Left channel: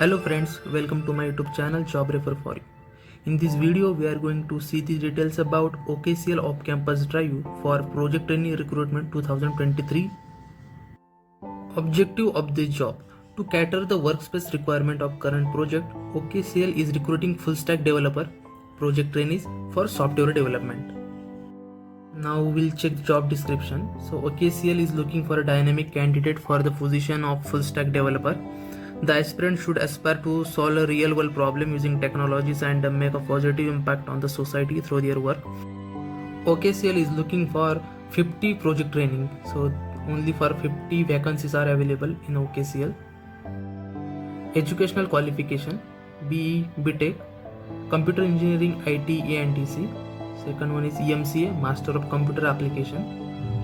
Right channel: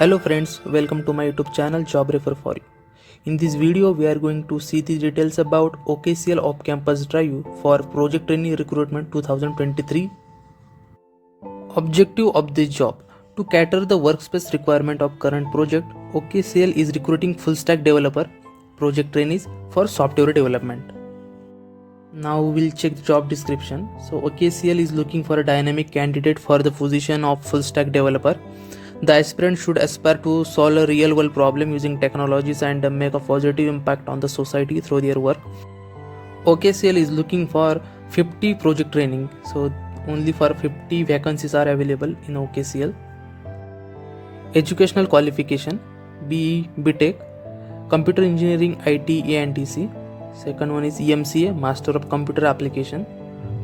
Hello friends, welcome to my YouTube channel Job Refer for You. In this video, we are going to see the details about OKCL off-campus drive for Project Trainee Recruitment 2023. Objective of this job: to cater the workspace requirement of current project, OKCL is recruiting full-stack developer project trainees for software development. Now we'll check the job description. So OKCL is looking for a dynamic candidate for the position of full-stack developer. The aspirant should aspire to solve a real-world problem using technologies and make a positive impact on the society through their work. OKCL is looking for 50 project training, so only for 50 vacancies are available in OKCL. Educational qualification: BE, BTech, Computer Engineering, IT, ANTC. Second one is EMCA, Master of Computer Application.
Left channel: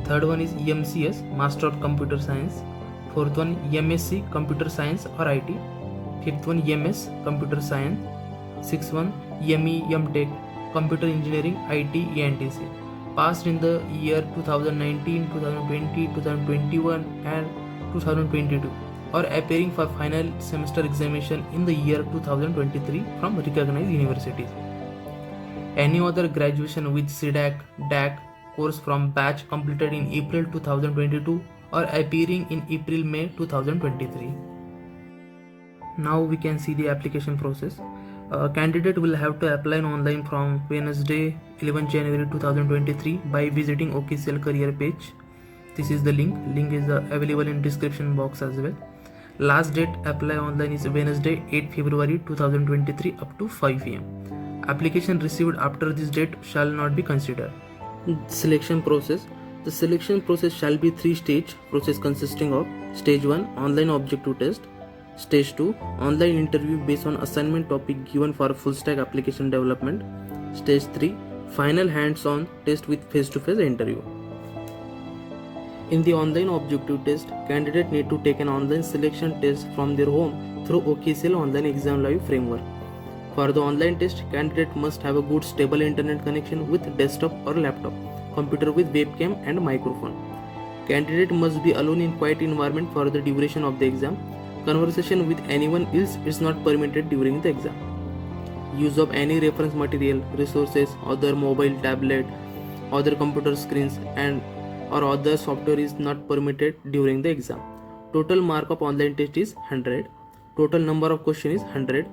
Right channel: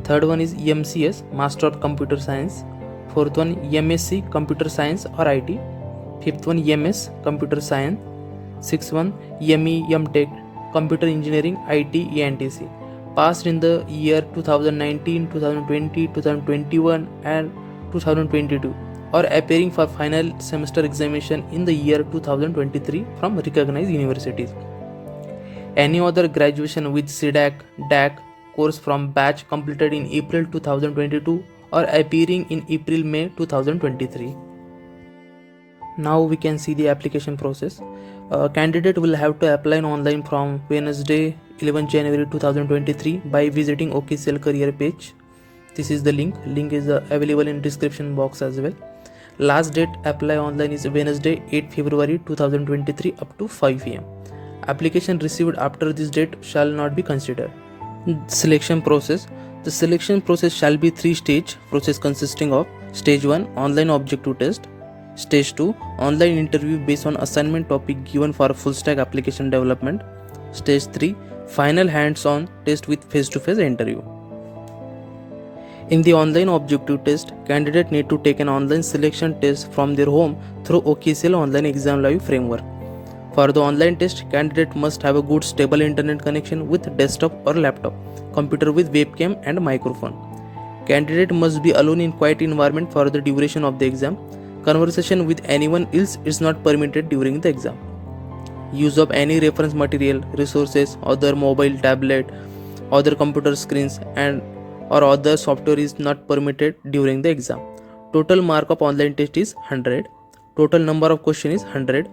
Third one is EMCS, Master of Computer Science. Fourth one MSc Computer Science or IT. Fifth one MS Computer Science. Sixth one ME MTech Computer Engineering, IT, ANTC. Passed in the year 2019, 2020, 2021 and 2022, or appearing for final semester examination in the year 2023 from recognized universities. Any other graduation with CDAC, DAC course from batch completed in April 2022 or appearing in April-May 2023. Now we can see the application process. Candidate will have to apply online from Wednesday 11 January 2023 by visiting OKCL career page. This is the link. Link is available in description box as well. Last date apply online is Wednesday 8 February 2023 up to 5 pm. Application received after this date shall not be considered. Selection process: the selection process shall be 3-stage process consisting of Stage 1 online objective test, Stage 2 online interview based on assignment topic given for full stack application development, Stage 3 final hands-on test with face-to-face interview. In the online objective test, candidate need to take an online selection test from their home through OKCL Online Exam Live framework. For the online test, candidate must have a good stable internet connection with desktop or laptop, computer with webcam and microphone. Candidate must be alone in quiet environment for the duration of the exam. Conversation with anyone else is not permitted during the exam. Use of any reference material, resources, other mobile, tablet, other computer screens and or other software is not permitted during the exam. Total mark of online test is 100. Total number of questions is 100.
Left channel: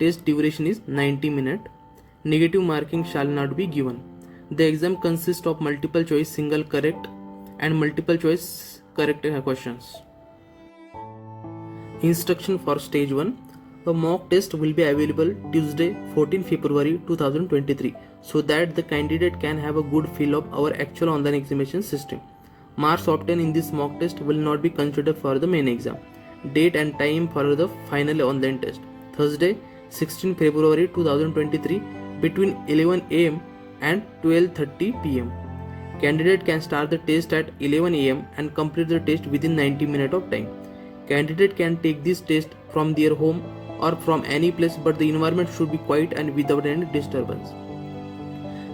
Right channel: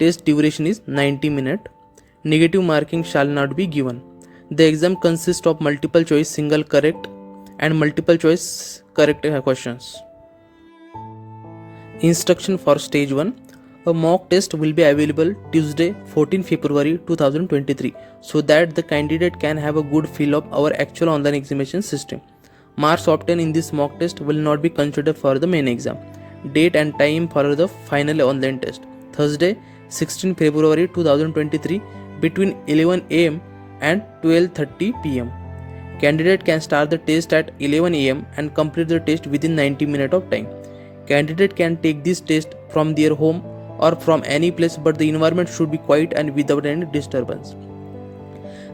Test duration is 90 minutes. Negative marking shall not be given. The exam consists of multiple choice single correct and multiple choice correct questions. Instruction for Stage 1: a mock test will be available Tuesday 14 February 2023 so that the candidate can have a good feel of our actual online examination system. Marks obtained in this mock test will not be considered for the main exam. Date and time for the final online test: Thursday 16 February 2023 between 11 am and 12:30 pm. Candidate can start the test at 11 am and complete the test within 90 minutes of time. Candidate can take this test from their home or from any place, but the environment should be quiet and without any disturbance.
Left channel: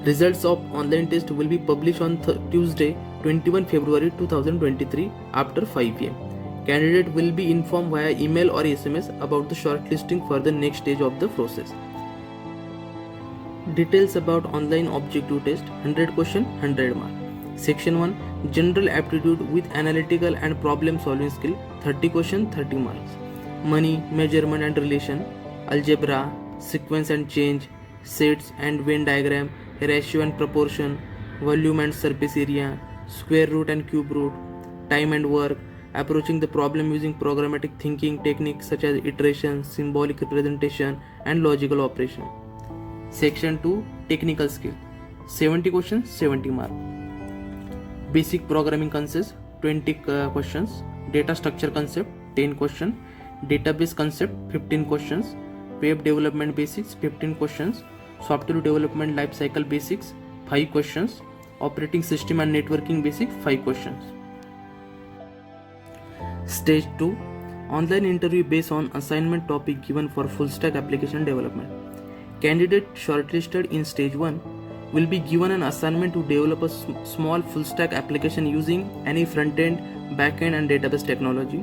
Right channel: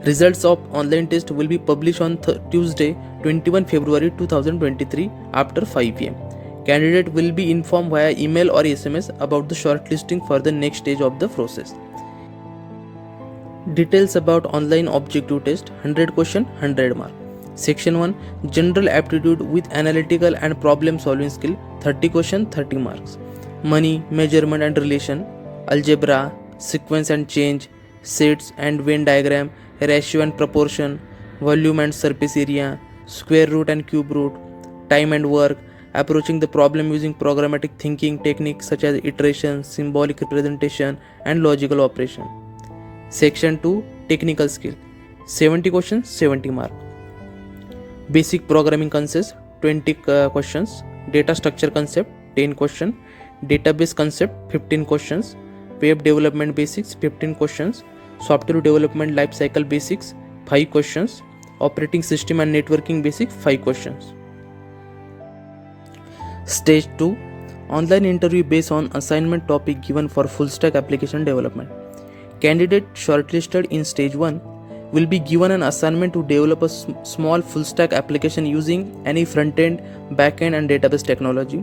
Results of online test will be published on Tuesday 21 February 2023 after 5 pm. Candidate will be informed via email or SMS about the shortlisting for the next stage of the process. Details about online objective test: 100 question, 100 mark. Section 1 general aptitude with analytical and problem solving skill, 30 question, 30 marks. Money, measurement and relation, algebra, sequence and change, sets and Venn diagram, ratio and proportion, volume and surface area, square root and cube root, time and work, approaching the problem using programmatic thinking techniques such as iteration, symbolic representation and logical operation. Section 2 technical skill, 70 questions, 70 mark. Basic programming concepts, 20 questions. Data structure concept, 10 questions. Database concept, 15 questions. Web development basics, 15 questions. Software development life cycle basics, 5 questions. Operating system and networking basics, 5 questions. Stage 2 online interview based on assignment topic given for full stack application development. Candidate shortlisted in Stage 1 will be given an assignment to develop a small full stack application using any front end, back end and database technology.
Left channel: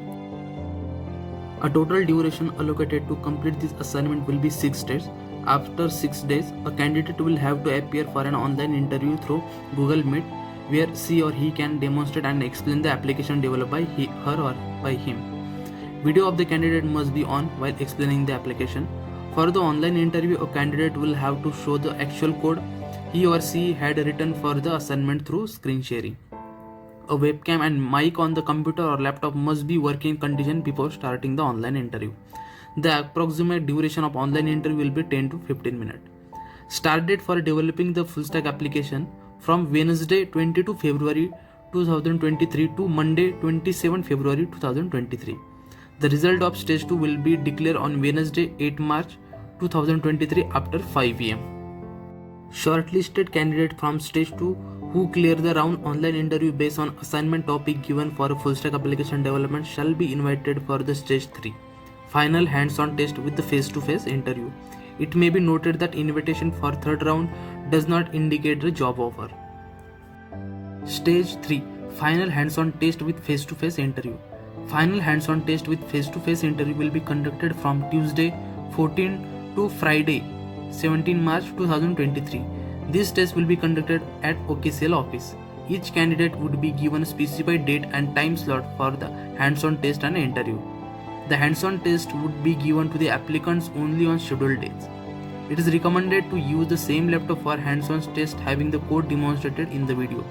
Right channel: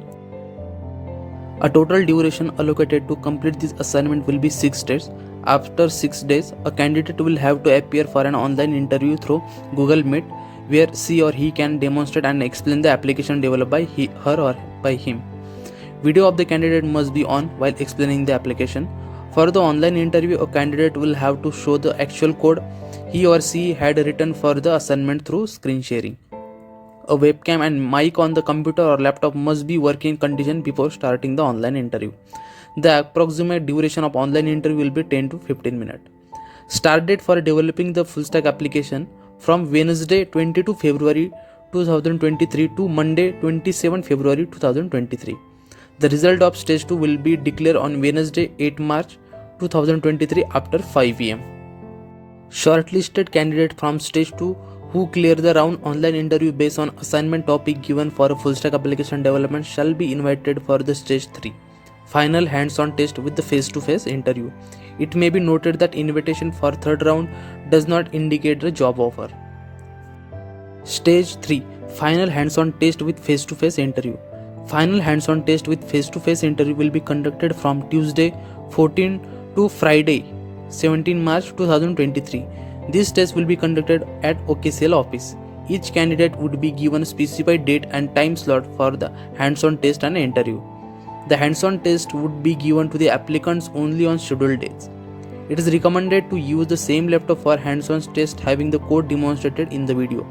A total duration allocated to complete this assignment will be 6 days. After 6 days, a candidate will have to appear for an online interview through Google Meet, where she or he can demonstrate and explain the application developed by her or by him. Video of the candidate must be on while explaining the application. For the online interview, a candidate will have to show the actual code he or she had written for the assignment through screen sharing. A webcam and mic on the computer or laptop must be working condition before starting the online interview. The approximate duration of online interview will be 10 to 15 minutes. Start date for developing the full stack application from Wednesday 22 February 2023 to Monday 27 February 2023. The result of stage 2 will be declared on Wednesday 8 March 2023 after 5 am. Shortlisted candidate from stage 2 who clear the round online interview based on assignment topic given for a full stack application development shall be invited for the stage 3 final hands-on test with the face-to-face interview. It may be noted that invitation for third round does not indicate a job offer. Stage 3 final hands-on test with face-to-face interview. Final hands-on test with face-to-face interview will be conducted from Tuesday 14 to Friday 17 March 2023. This test will be conducted at OKCL office. Each candidate would be given a specified date and time slot for the hands-on test and interview. The hands-on test would be given to the applicants only on scheduled days. It is recommended to use the same laptop for hands-on test having the code demonstrated in the video.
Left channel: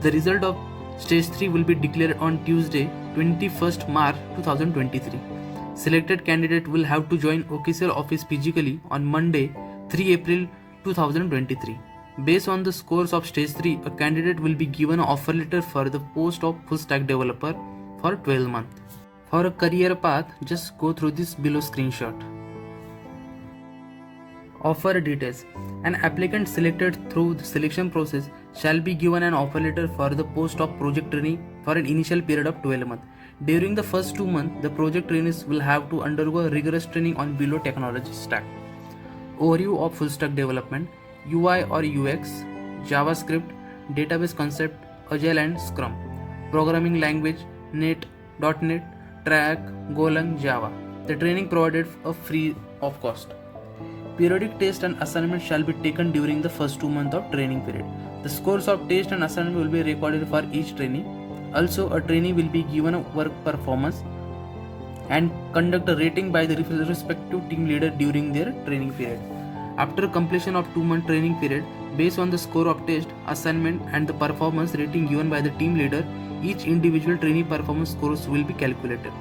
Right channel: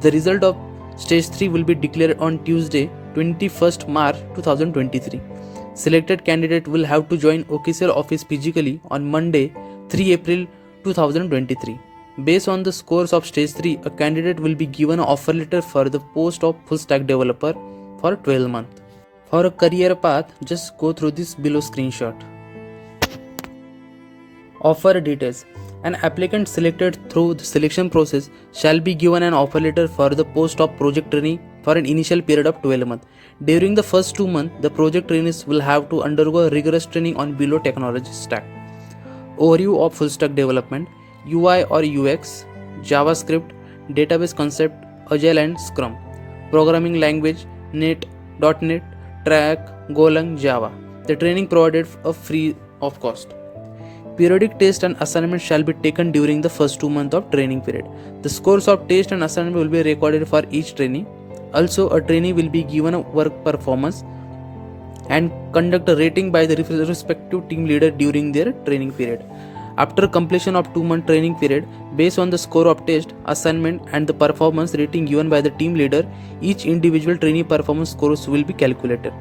The result of stage 3 will be declared on Tuesday 21st March 2023. Selected candidate will have to join OKCL office physically on Monday 3 April 2023. Based on the scores of stage 3, a candidate will be given an offer letter for the post of full stack developer for 12 months. For a career path, just go through this below screenshot. Offer details. An applicant selected through the selection process shall be given an offer letter for the post of project trainee for an initial period of 12 months. During the first 2 months, the project trainees will have to undergo rigorous training on below technology stack. Overview of full stack development, UI or UX, JavaScript, database concept, Agile and Scrum, programming language, .NET, Track, Golang, Java. The training provided free of cost. Periodic test and assignment shall be taken during the first 2 months of training period. The scores of test and assignment will be recorded for each trainee. Also, a trainee will be given a work performance and conduct a rating by the respective team leader during their training period. After completion of 2-month training period, based on the score of test, assignment and the performance rating given by the team leader, each individual trainee performance scores will be calculated.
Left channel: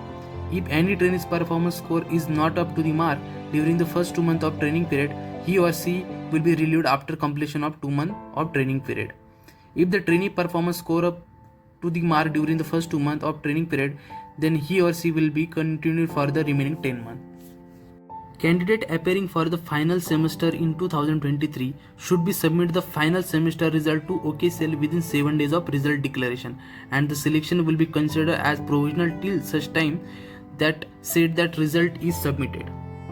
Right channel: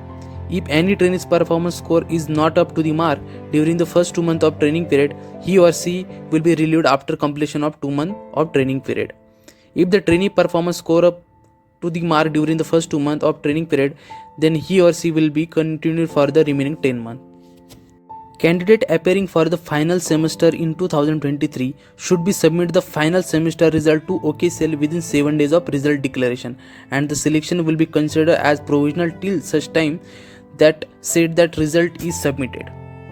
If any trainee's performance score is not up to the mark during the first 2 months of training period, he or she will be relieved after completion of 2 months of training period. If the trainee performance score up to the mark during the first 2 months of training period, then he or she will be continued for the remaining 10 months. Candidate appearing for the final semester in 2023 should be submit the final semester result to OKCL within 7 days of result declaration, and the selection will be considered as provisional till such time that said that result is submitted.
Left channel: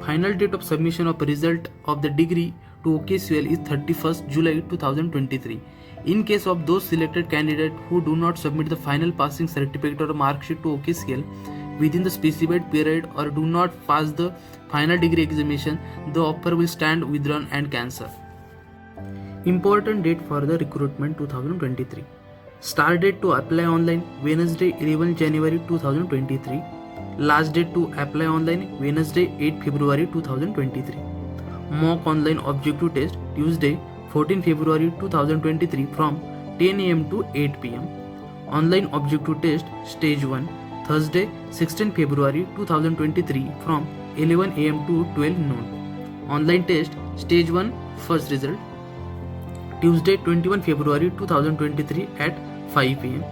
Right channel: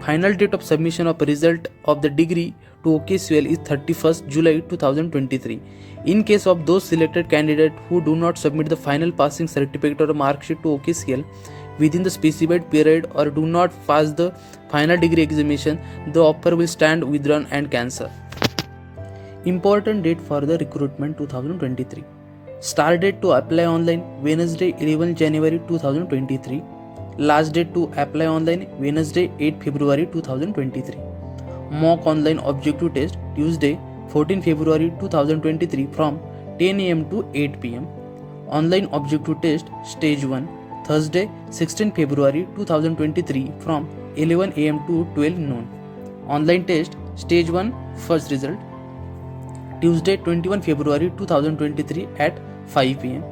Final date of submission of result of the degree to OKCL is 31st July 2023. In case of those selected candidates who do not submit the final passing certificate or mark sheet to OKCL within the specified period or do not pass the final degree examination, the offer will stand withdrawn and cancelled. Important date for the recruitment 2023. Start date to apply online Wednesday 11 January 2023. Last date to apply online Wednesday 8 February 2023. Mock online objective test Tuesday 14 February 2023 from 10 am to 8 pm. Online objective test stage 1 Thursday 16 February 2023 from 11 am to 12 noon. Online test stage 1 first result Tuesday 21 February 2023 at 5 pm.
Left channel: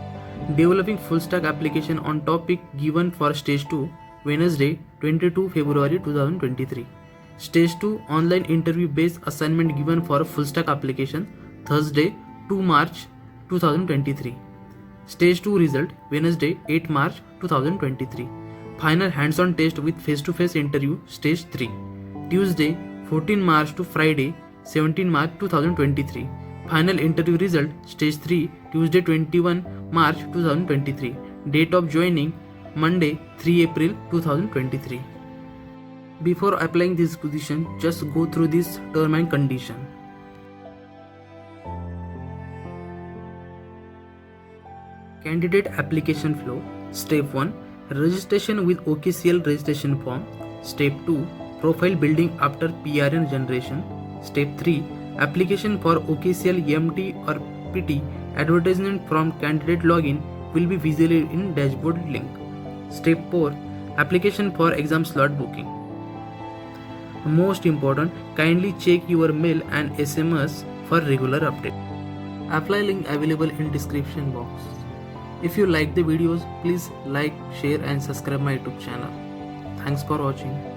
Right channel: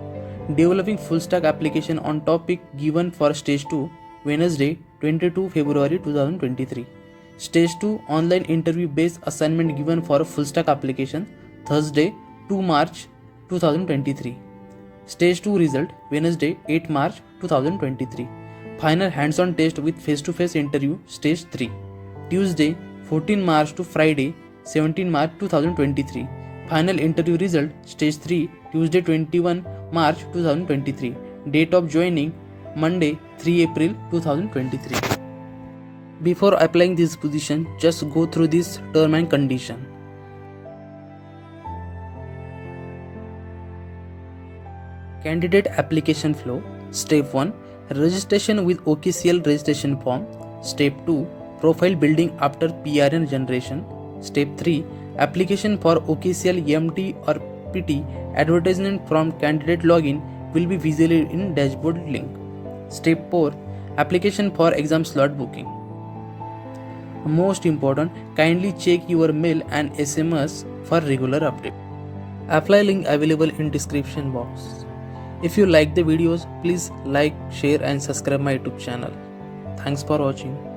Developing full stack application on topic given for stage 2 Wednesday 22 February 2023. Stage 2 online interview based assignment given for a full stack application Thursday 2 March 2023. Stage 2 result Wednesday 8 March 2023. Final hands-on test with face-to-face interview stage 3 Tuesday 14 March to Friday 17 March 2023. Final interview result stage 3 Tuesday 21 March 2023. Date of joining Monday, 3 April 2023. Before applying this position, just go through this term and condition. Candidate application flow. Step 1. Registration with OKCL registration form. Step 2. Profile building after PRN generation. Step 3. Application for OKCL EMT or PT. Advertisement from candidate login will be visible in dashboard link. Step 4. Application for exam slot booking. Most important, kindly check your mail and SMS for regular update. Apply link available in description box. If you like the videos, please like, share and subscribe my YouTube channel. Thanks for watching.